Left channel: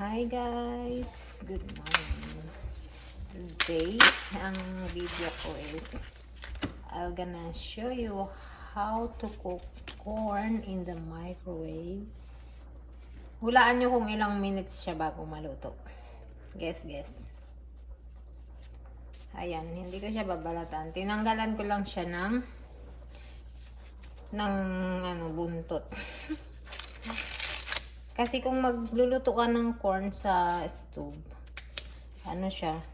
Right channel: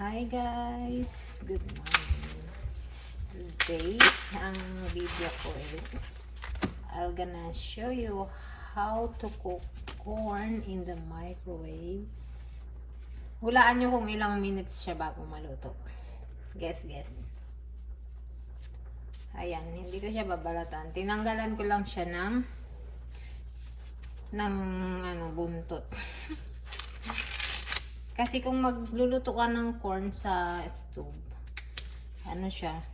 Hi guys! Good morning. Today, ang video ko is I'm gonna show you how to cook corn in the microwave. Hulaan nyo kung ilang minutes siya bago maluto. Guess. Ayan, hindi ko siya babalatan. Tinanggalan ko lang siya ng buntot. Kasi kung magluluto ka ng corn sa stove, siya,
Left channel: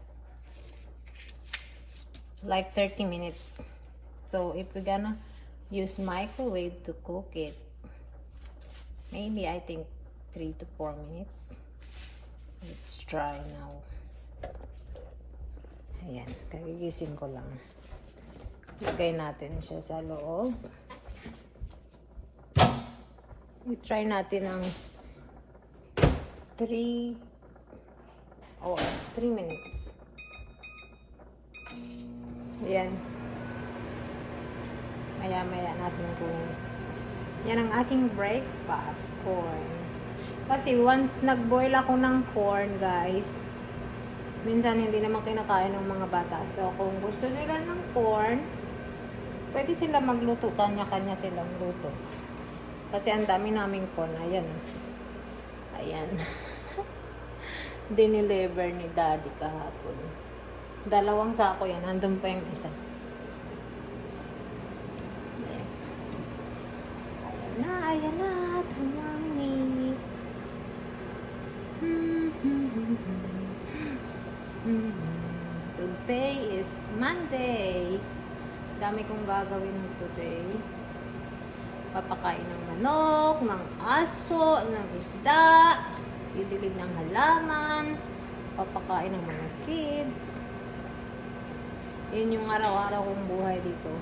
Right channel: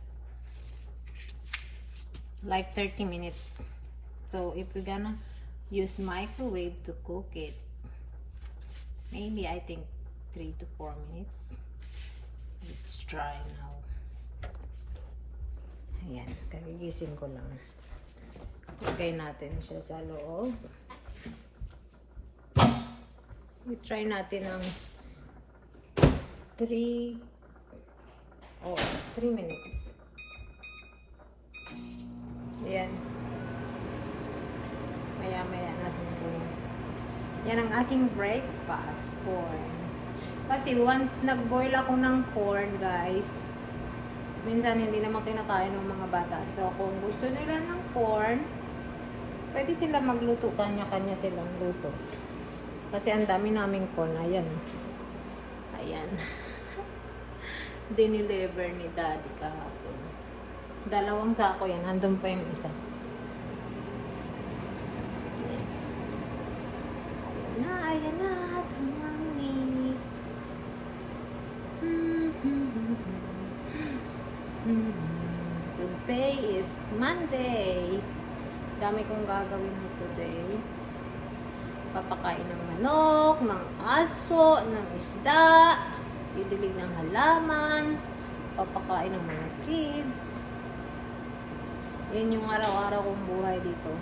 like 30 minutes. So, if we're gonna use microwave to cook it, maybe I think 3 to 4 minutes. Let's try now. Ayan, kagigising ko lang. Lagay natin siya sa loob. I-try natin ng 3 minutes. Ayan. Maya natin kunin. Yan ang aking breakfast, corn. Kasi once nag-boil ako ng corn, guys, minsan hindi naman kinakain ng mga bata. So, kung gusto nila ng corn, pwede sila magluto. Kanya-kanya silang luto. Kasi ang dami naming corn. Ayan. Diniliver ni Daddy kahapon. 2 sako yan. Nandun pa yung isa. Ayan na. 2 minutes. Today is Monday. Dami kong gagawin mo today. Papakain ng manok, ng aso, ng isda, didilig ng halaman, papakain ng mga kids. Yun yung araw-araw kong buhay dito.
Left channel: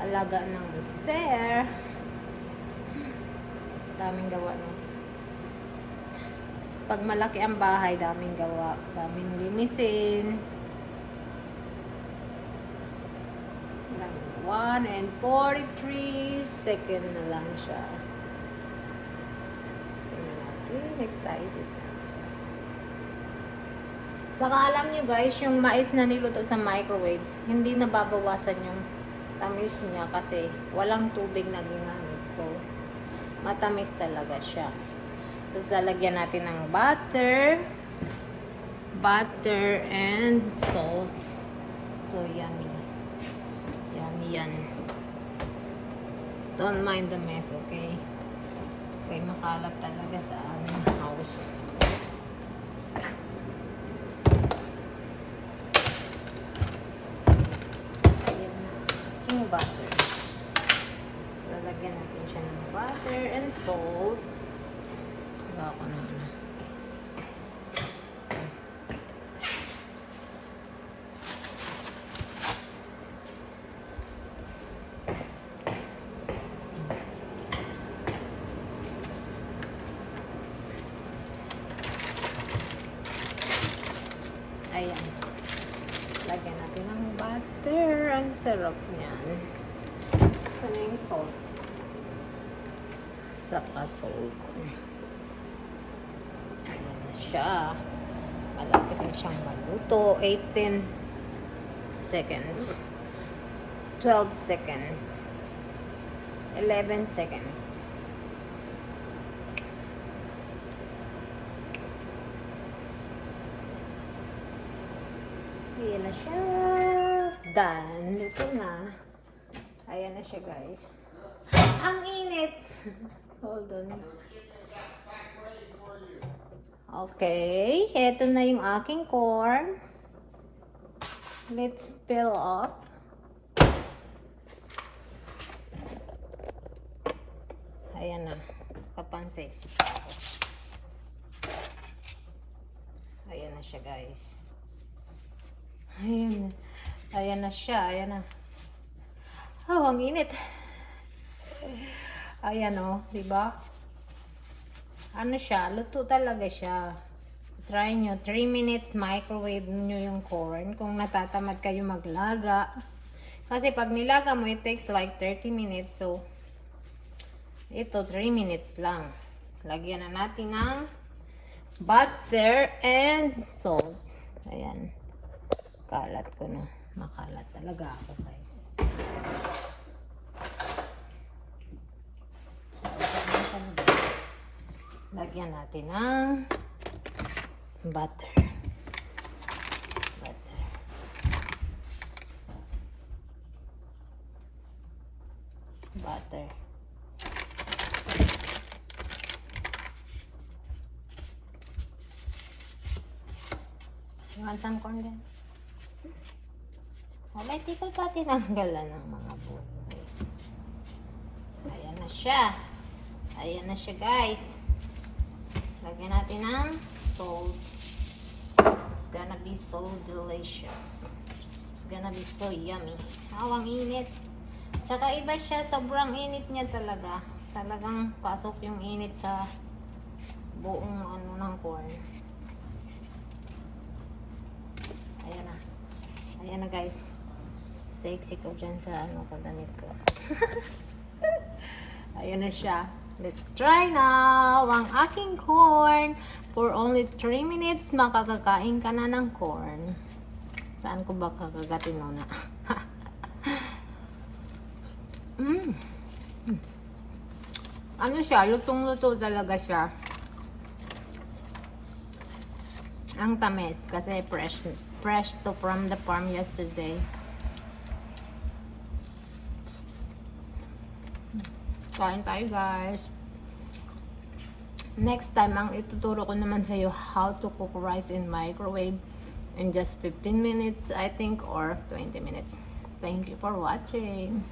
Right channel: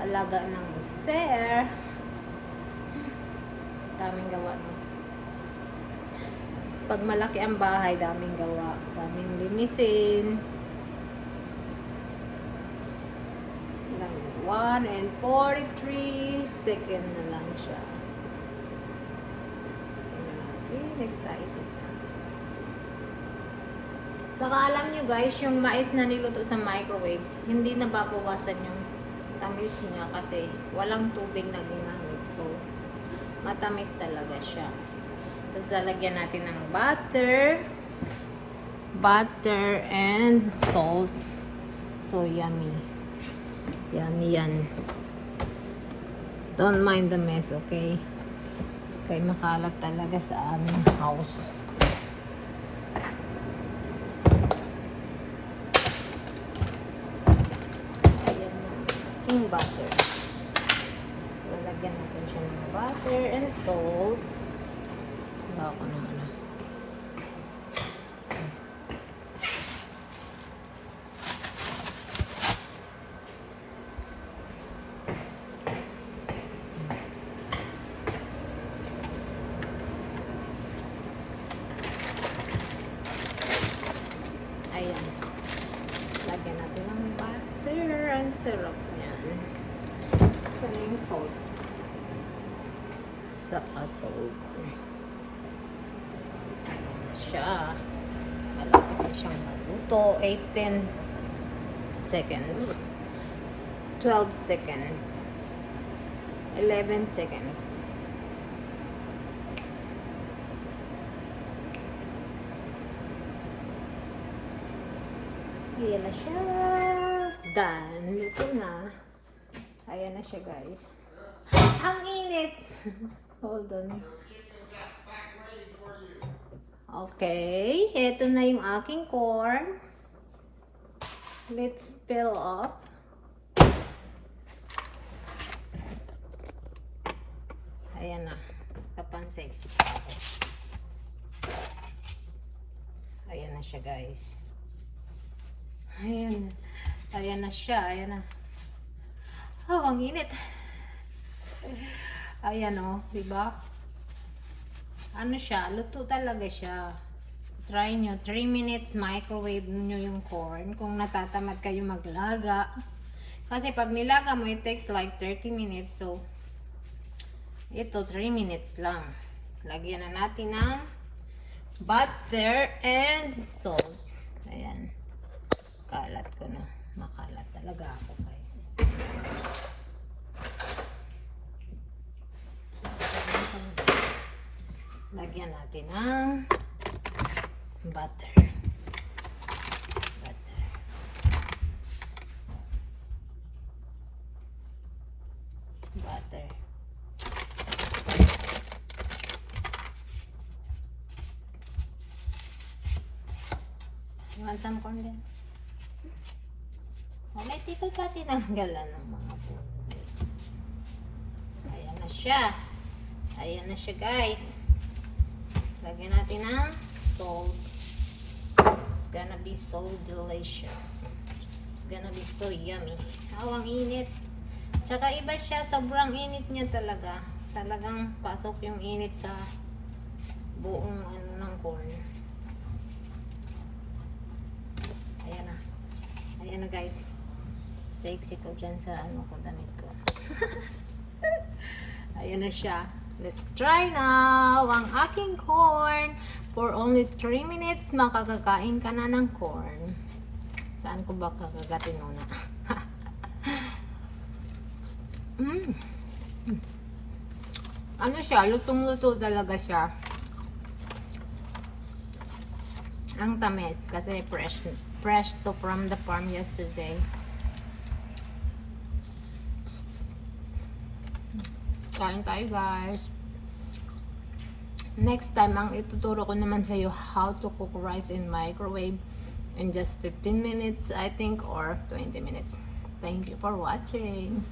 Alaga ng mister. Daming gawa, no? Pag malaki ang bahay, daming gawa. Daming linisin. 1 and 43 second na lang siya. Tingnan natin. Excited na. Saka alam nyo guys, yung mais na niluto sa microwave, hindi nababawasan yung tamis niya kasi walang tubig na ginamit. So, matamis talaga siya. Tapos lalagyan natin ng butter and salt. So, yummy. Yummy yan. Don't mind the mess, okay? Okay, makalat talaga sa aming house. Ayan na. Aking butter. Lalagyan natin siya ng butter and salt. Bawa ko na. Ayan. Lagyan natin ng butter. Ang sarap niyan. Saan na yung salt? Saka salt. Ayan na siya. Malapit na siyang maluto. 18 seconds. 12 seconds. 11 seconds. Ayan na siya. Done. Luto na. Ayan na siya, guys. Ang init. Hold on. Okay. Ito na yung aking corn. Let's peel up. Ayan na. Papansin. Ayan na siya, guys. Ayan na siya. Ayan na. Oh, ang init. Ayan o, diba? Ano siya? Luto talaga siya. Try nyo. 3 minutes microwave nyo yung corn. Kung natatamad kayo maglaga. Kasi pag nilaga mo, it takes like 30 minutes. So, ito 3 minutes lang. Lagyan na natin ng butter, and salt. Ayan. Kalat ko na. Makalat talaga ako, guys. Lagyan natin ng butter. Butter. You want some corn din? Okay, tito pa tinanggalan ng mga buhok. Ayan na siya. Ayan na siya, guys. Lagyan natin ng salt. It's gonna be so delicious. It's gonna be so yummy. Wow, ang init. Tsaka iba siya, sobrang init niya talaga. Talagang pasok yung init sa buong ano ng corn. Ayan na. Ayan na, guys. Sexy ko dyan sa ano ko, damit ko. Ayan na siya. Let's try now ang aking corn. For only 3 minutes, makakakain ka na ng corn. Saan ko ba kakagatin na? Ano siya? Lutong-luto talaga siya. Ang tamis kasi fresh to from the farm yesterday. Kain tayo, guys. Next time, ang ituturo ko naman sa iyo how to cook rice in microwave in just 15 minutes, I think, or 20 minutes. Thank you for watching.